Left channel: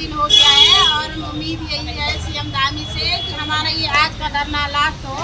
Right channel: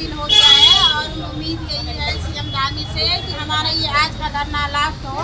दिन हो गया है और उम्मीद यही है सीएम धामी से कि हमारा ये आज का धरना लास्ट हो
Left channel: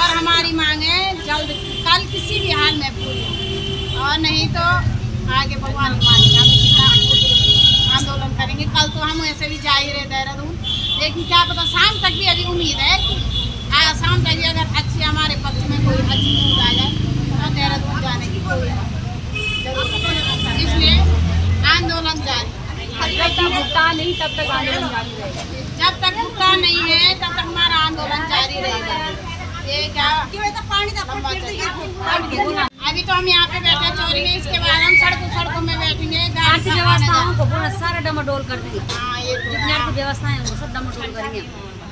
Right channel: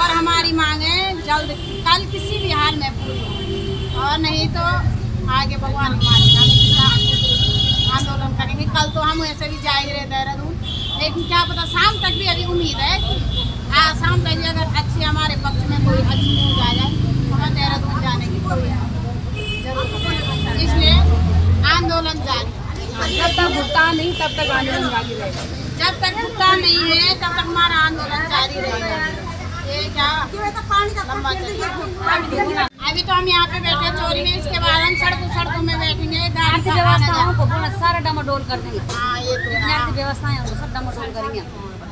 और हमारी मांगें जल्द कल किसी भी हाल में पूरी हो, और नहीं तो आगे भगवान ही मानेगा हम कितना आंदोलन करेंगे। कल तो हम ऐसे भी जा ही रहे देहरादून, लेकिन क्या पता शाम तक भी अभी उम्मीद है कि शाम तक भी अगर अच्छी हमारे पक्ष में कोई अच्छी न्यूज आ जाए तो हम देहरादून जाने की कोई जरूरत, इसलिए आंदोलन जारी। जब तक भुगतान नहीं तब तक आंदोलन जारी रहेगा। जब तक भुगतान नहीं है तब तक हमारा आंदोलन जारी रहेगा। ये क्या लंबा चलेगा। अभी तो हम यहाँ पे बैठे चोरी में, इसके बाद हम सड़कों में बैठेंगे, गाड़ी का आना जाना सारा डमाडोल कर देंगे। हाँ ये तो है। व्यवस्थाएं सब डमाडोल करेंगे,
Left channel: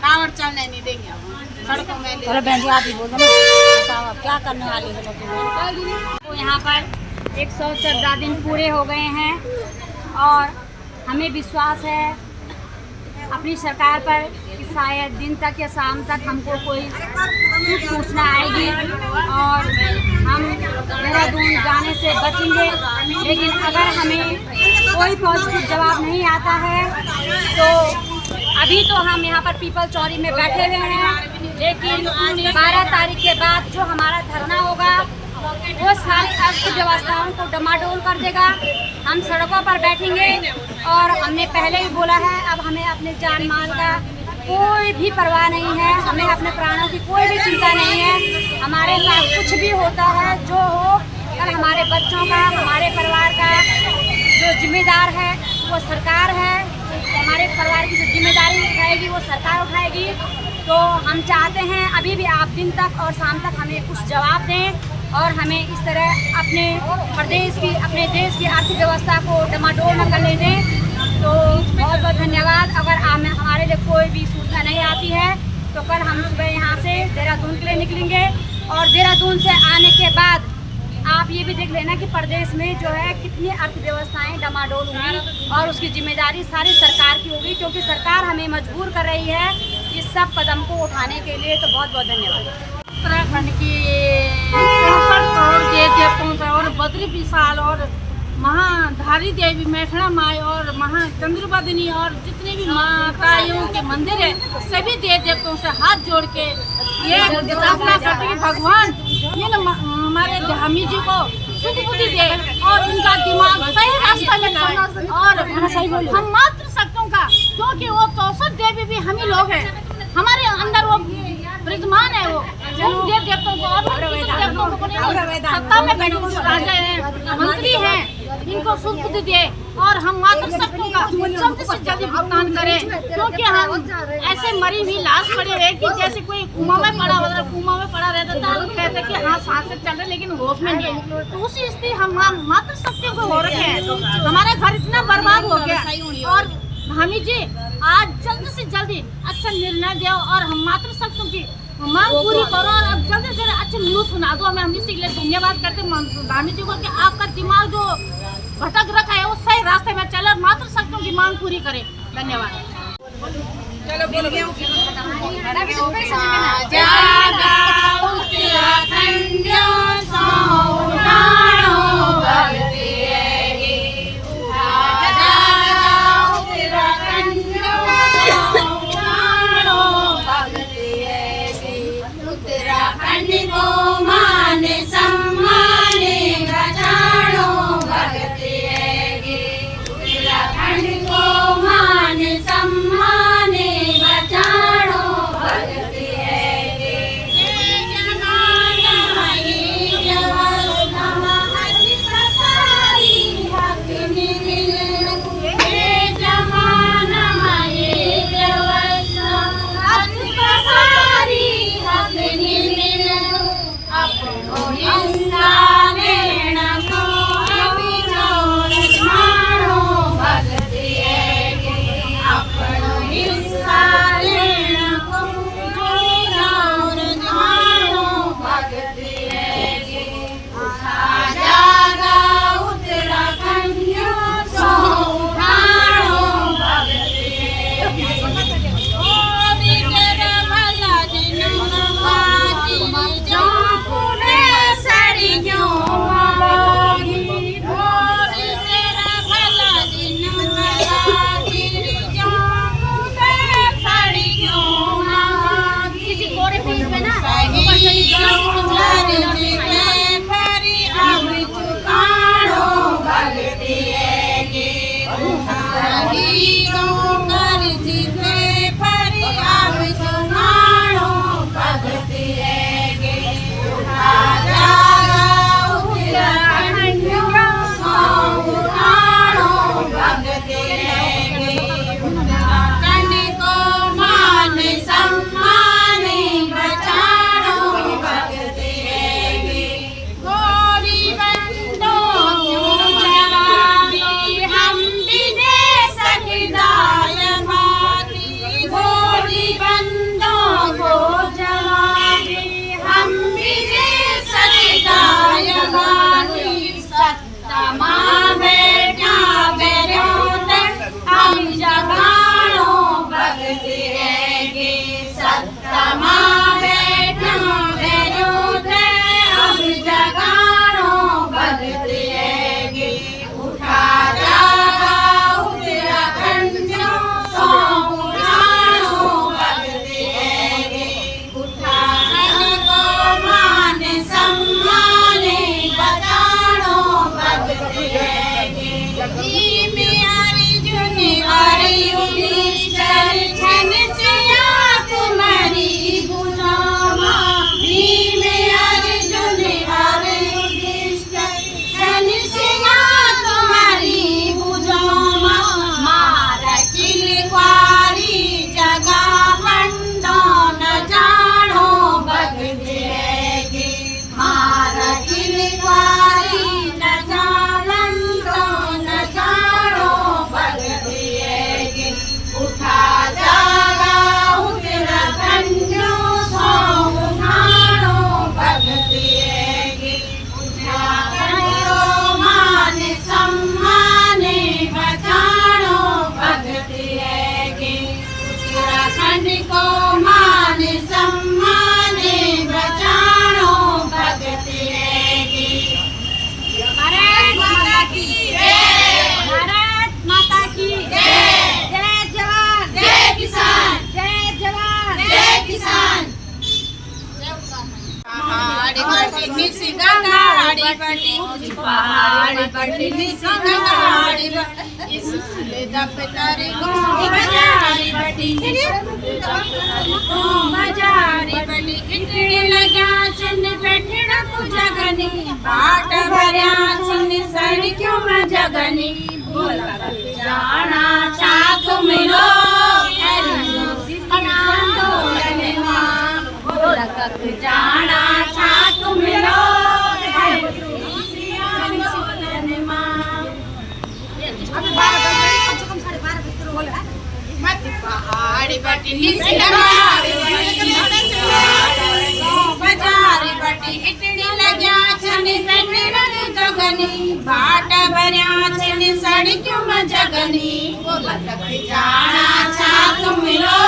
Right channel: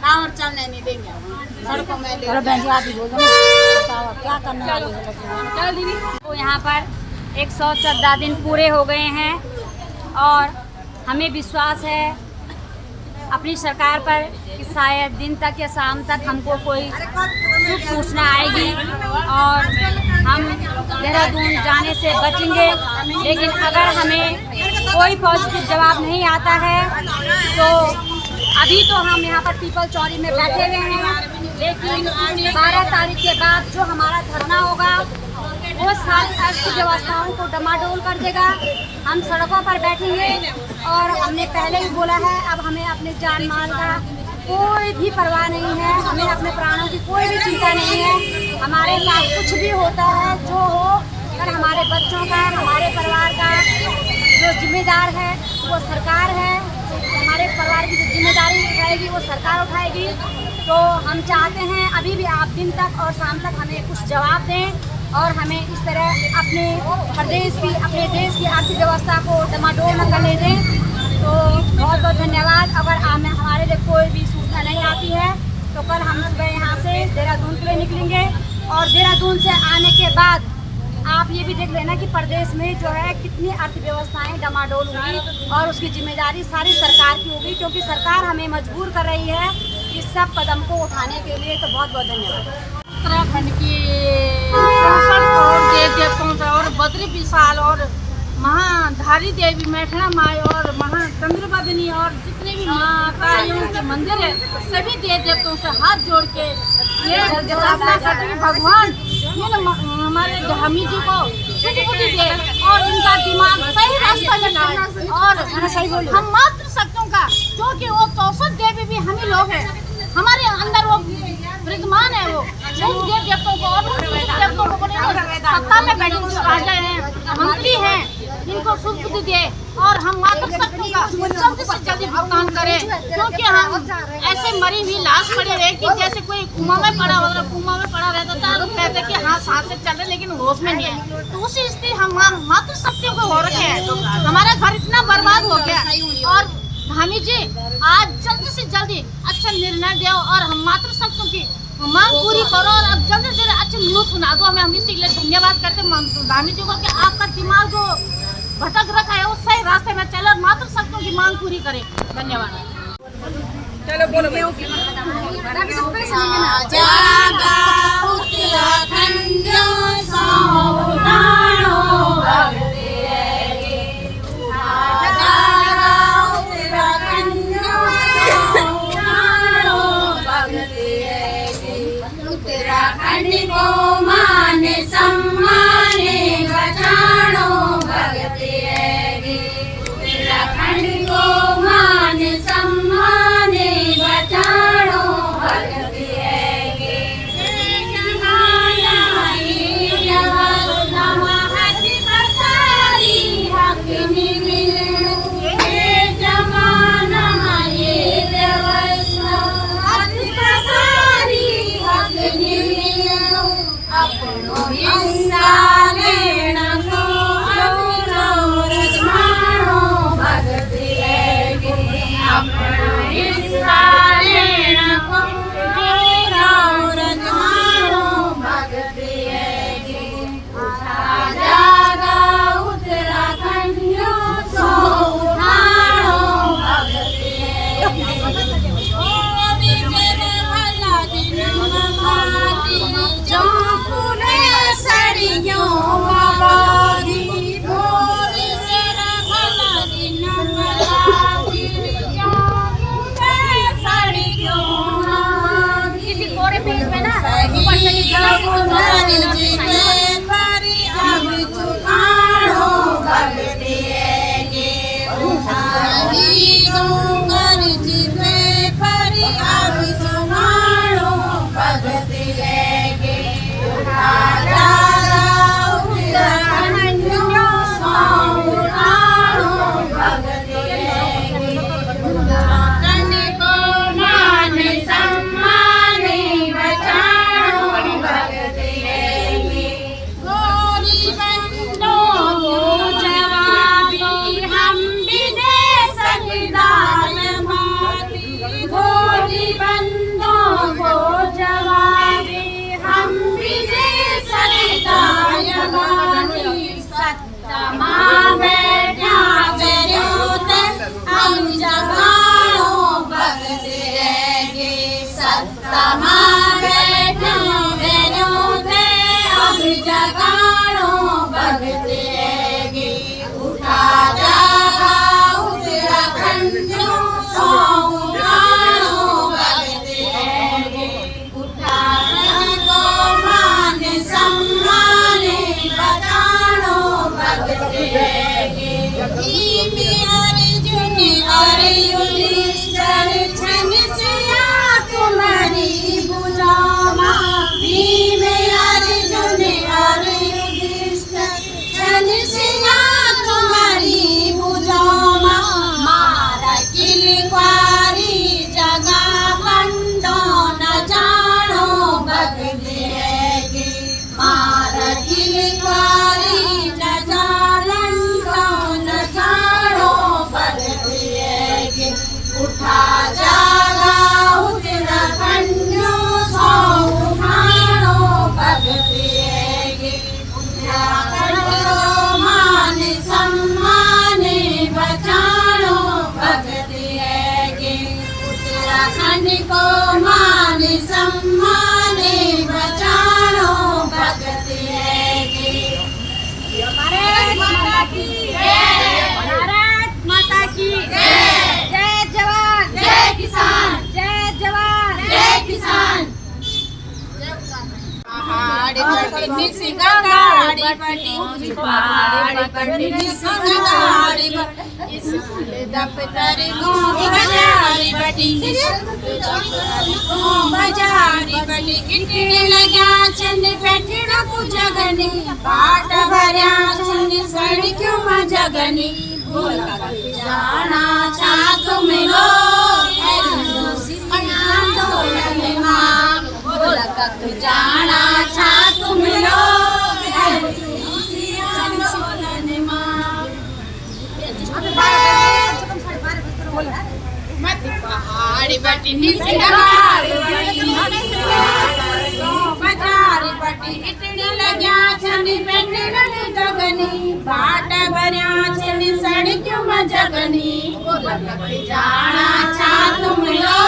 कांवड़ चलने नहीं देंगे हम सड़कों में। चलो बहन जी आप ही बोलो ना, बताओ आप क्या करने वाली हो। तो यहाँ पर 114 दिन पूरे हो गए हैं और हमें विश्वास है अपनी सरकार पर कि शायद दिन तक या शाम तक हमको कोई शुभ सूचना आएगी और हम देहरादून जाने से बचेंगे। लेकिन अगर हमें कोई पॉजिटिव जवाब नहीं आता है तो अभी तो हम यहाँ पर पीपल चौरी में बैठे हुए हैं, लेकिन 12 तारीख के बाद जो हमारा धरना होगा वो सारी अर्थव्यवस्थाओं को डमाडोल कर देगा। हम सड़कों पर बैठेंगे और हमने पहले ही बोला है, अब हमें अपने जान माल का कोई भी परवाह नहीं है, हमें अपने प्राणों की कोई भी चिंता नहीं है। हमारे साथ कुछ भी होता है जो हो, कल हमारे बच्चों का, हमारे परिवार का जो जिम्मेदार है वो सरकार है, हमारे परिवार की जो जिम्मेदारी उठाएगी वो सरकार उठाएगी। तो हम चाहते हैं अभी भी आप दिन तक और शाम तक हमें कुछ जवाब दें और हमें इस तरह अपने प्रदेश की, अपने देश की अर्थव्यवस्था को डमाडोल न करने दें। तो बहुत बहुत धन्यवाद। अगर हमारे लिए कोई भी सूचना नहीं आती है तो कल हम सुबह यहाँ से देहरादून के लिए निकलेंगे और देहरादून से आने के बाद आप ये भी देख लेना कि प्रदेश में जो है कितनी अर्थव्यवस्थाएं डमाडोल हुई और उसकी जिम्मेदारी सारी सरकार की होगी, क्योंकि सरकार हमें मजबूर कर रही है इस सब कदम को उठाने के लिए। तो बहुत बहुत धन्यवाद। उत्तराखंड की 64 करोड़ देवताओं से और बद्री विशाल और महाधारी देवी मैथड़ा माई और महाचंद्रबदनी और जितने भी माताओं के मंदिर है सभी देव देवताओं से हाथ जोड़ के ये प्रार्थना करते कि भगवान ये न हमारे धामी जी को सुध बुद्धि दे और इनका दिमाग सही रास्ता में लाए। और हम मात्र शक्तियों का, जो कि वो 64 देवी भी हम ही लोग हैं, हमारे अंदर वो विद्यमान है, वो देव देवताओं को और देवताओं को सत्ता में बैठे जो राजा हैं, मंत्री हैं, इनको सुध बुद्धि दे और हम मात्र शक्तियों का जल्द से जल्दी भुगतान करें, क्योंकि हम ऐसे मरी हुई लाश पड़ी है कि जैसे कोई कुआं में पड़ा रहता था, कहते कि हाँ सांसें चल रहे लेकिन होश में नहीं है। तो उसी स्थिति हम मात्र शक्तियों को हो रखे हैं। हमारा घर इतना बर्बाद हो गया और धामी जी आज जल्द से जल्दी अच्छा निर्णय दो और हम मात्र शक्तियों की मांग पूरी करो और अब जल्द से जल्द अच्छी न्यूज सुना दो हमें। हम इसी के लिए धन्यवाद करते हैं धामी जी को कि आपका दिमाग जो भटक रखा है वो सही रास्ते में चले और मात्र शक्तियों की मांग पूरी करे। धन्यवाद। उत्तराखंड को मान सम्मान गजानो भगत है, उत्तराखंड को मान सम्मान गजानो भगत है। जय जगन्नाथ बटी पहाड़ी बटी निसगाड़ी बटी स्कूल दफ्तर गाँव बाजारी बटी बाजारी बटी किटने लग्या चंद बैठना को जगनी बाट भरिया चंद सड़क्यों में जगनी बोल जाना छात मिलो जाना छात मिलो मत पहाड़ी बटी निसगाड़ी बाजारी बटी इटड़ी लग्या छनी बैठना जगनी बाट भरिया छनी सड़क्यों में जगनी बोला जाना छात मिलो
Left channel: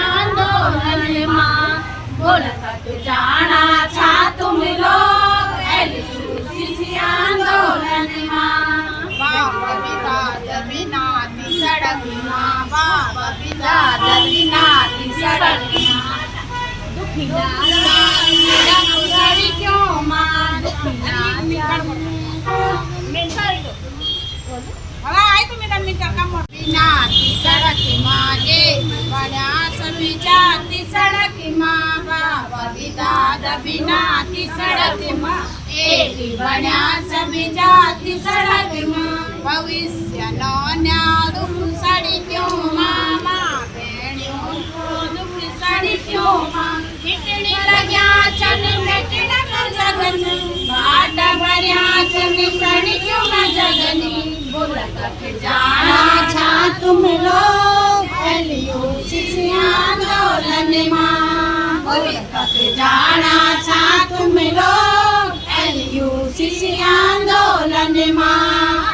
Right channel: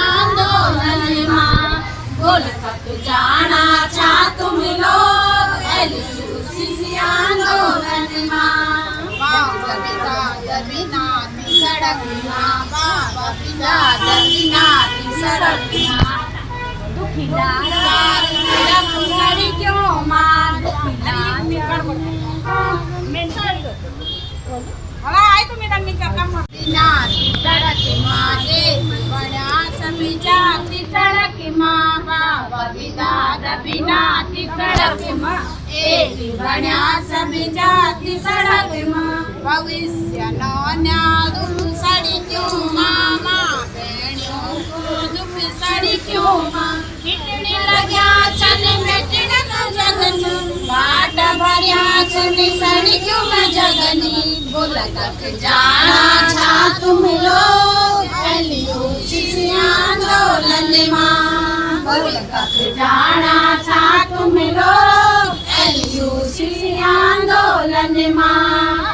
आंदोलन मां बोला जाना छात मिलो आंदोलन मां बाबा बिदा बिना सड़क मां बाबा बिदा बिना सड़क मां क्यों मान हवा आई तो मेरा मिनट कम बिना सड़क माँ एक बड़ा सभी जाति सड़क माँ बाबा बिदा बिना सड़क माँ एक बड़ा सभी जाति सड़क माँ भविष्य नौन्या दुख सड़ी क्यों माँ माँ बहनियों को दुख सड़ी क्यों माँ कितनी लग्या चन बैठन को जगनी बाट भरिया चनी सड़ी क्यों मैं जगनी बोला तक जाना छात मिलो आंदोलन मां बोला तक जाना छात मिलो आंदोलन मां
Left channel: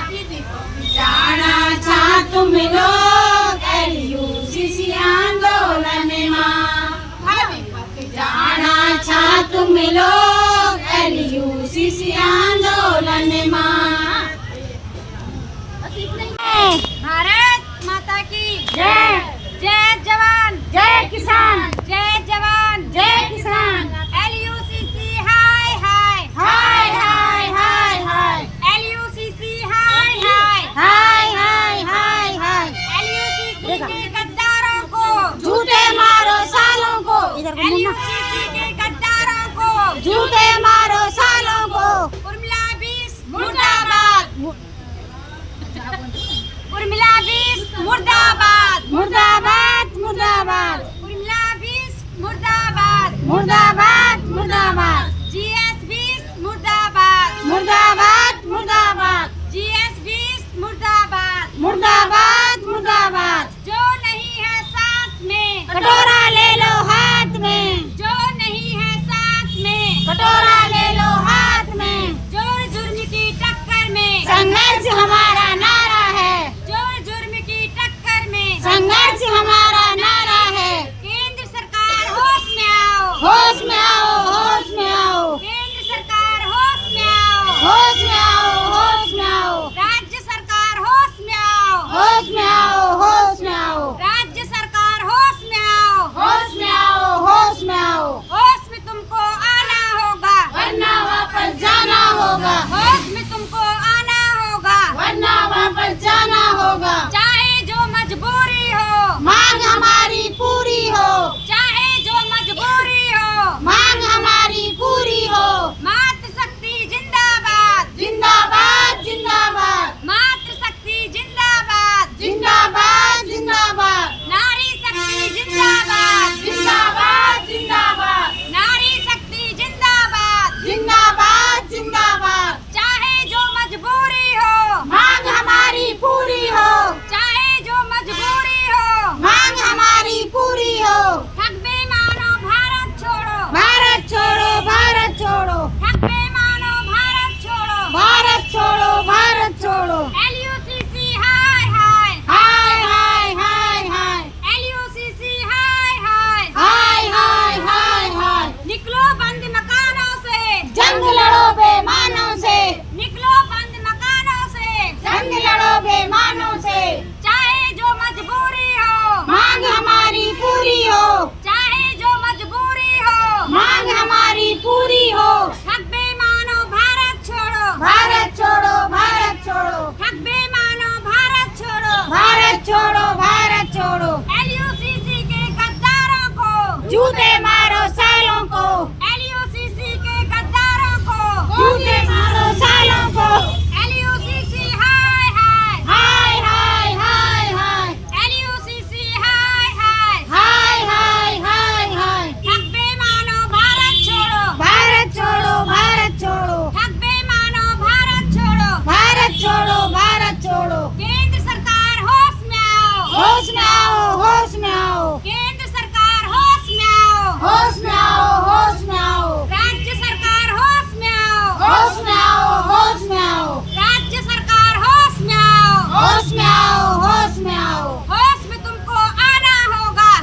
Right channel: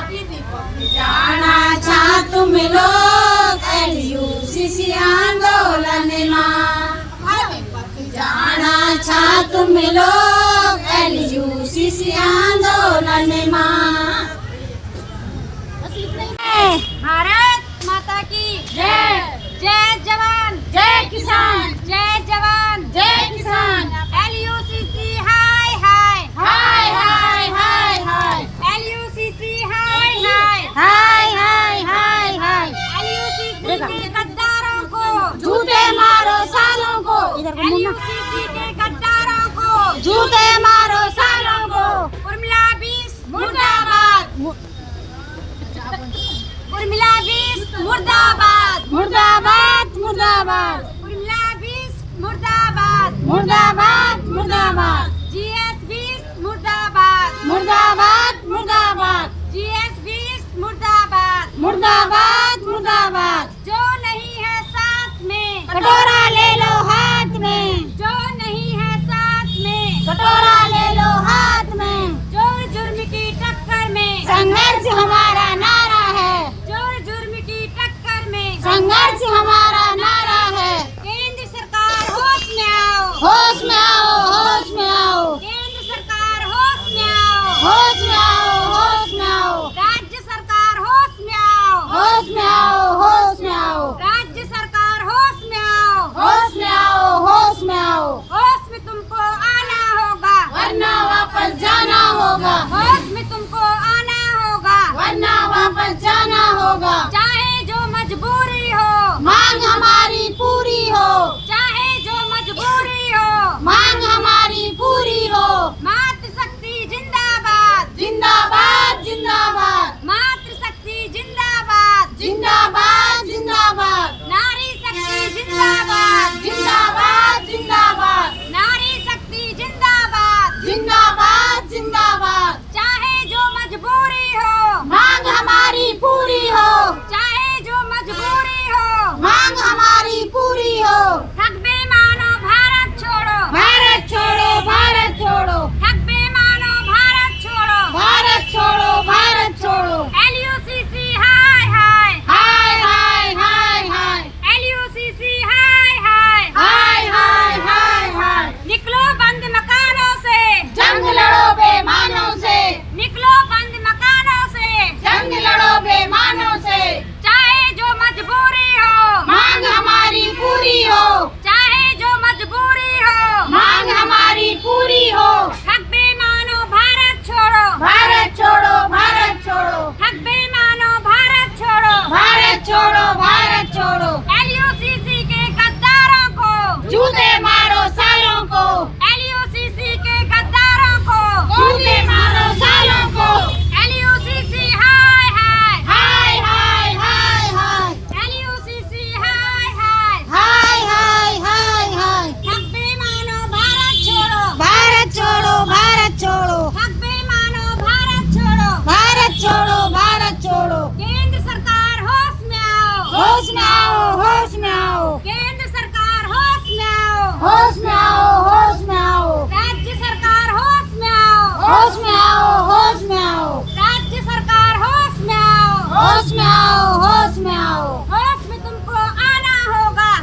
जाना छात मिलो आंदोलन मां जाना छात मिलो आंदोलन मां भारत माता की जय। जय जवान जय किसान, जय जवान जय किसान। LUCC हाय हाय हाय हाय हाय हाय LUCC हाय हाय हाय हाय हाय हाय LUCC के गद्दारों को जूते मारो सालों को LUCC के गद्दारों को जूते मारो सालों को उर्मिला 20 मुर्दाबाद उर्मिला 20 मुर्दाबाद मुर्दाबाद मुर्दाबाद उर्मिला 20 मुर्दाबाद मुर्दाबाद मुर्दाबाद GS 20 मुर्दाबाद मुर्दाबाद मुर्दाबाद GS 20 मुर्दाबाद मुर्दाबाद मुर्दाबाद जो नहीं है साथ में कटोरा ले लो हाथ में जो नहीं है साथ में कटोरा ले लो हाथ में जोर जुर्म की टक्कर में संघर्ष हमारा नारा है जोर जुर्म की टक्कर में संघर्ष हमारा नारा है केंद्र सरकार होश में आओ होश में आओ होश में आओ केंद्र सरकार होश में आओ होश में आओ होश में आओ राज्य सरकार होश में आओ होश में आओ होश में आओ राज्य सरकार होश में आओ होश में आओ होश में आओ होश में तुमको आना होगा वरना वापस जाना होगा होश में तुमको आना होगा वरना वापस जाना होगा चाहे जो मजबूरी हो मांग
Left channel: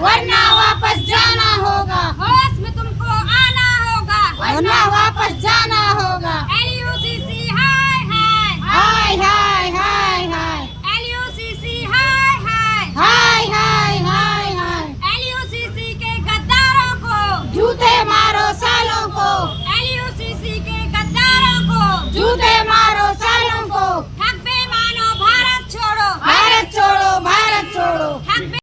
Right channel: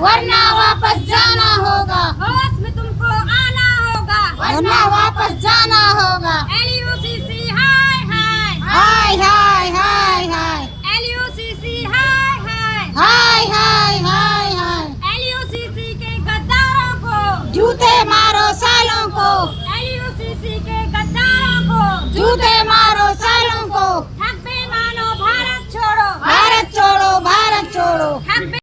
वरना वापस जाना होगा, होश में तुमको आना होगा, वरना वापस जाना होगा। LUCC हाय हाय हाय हाय हाय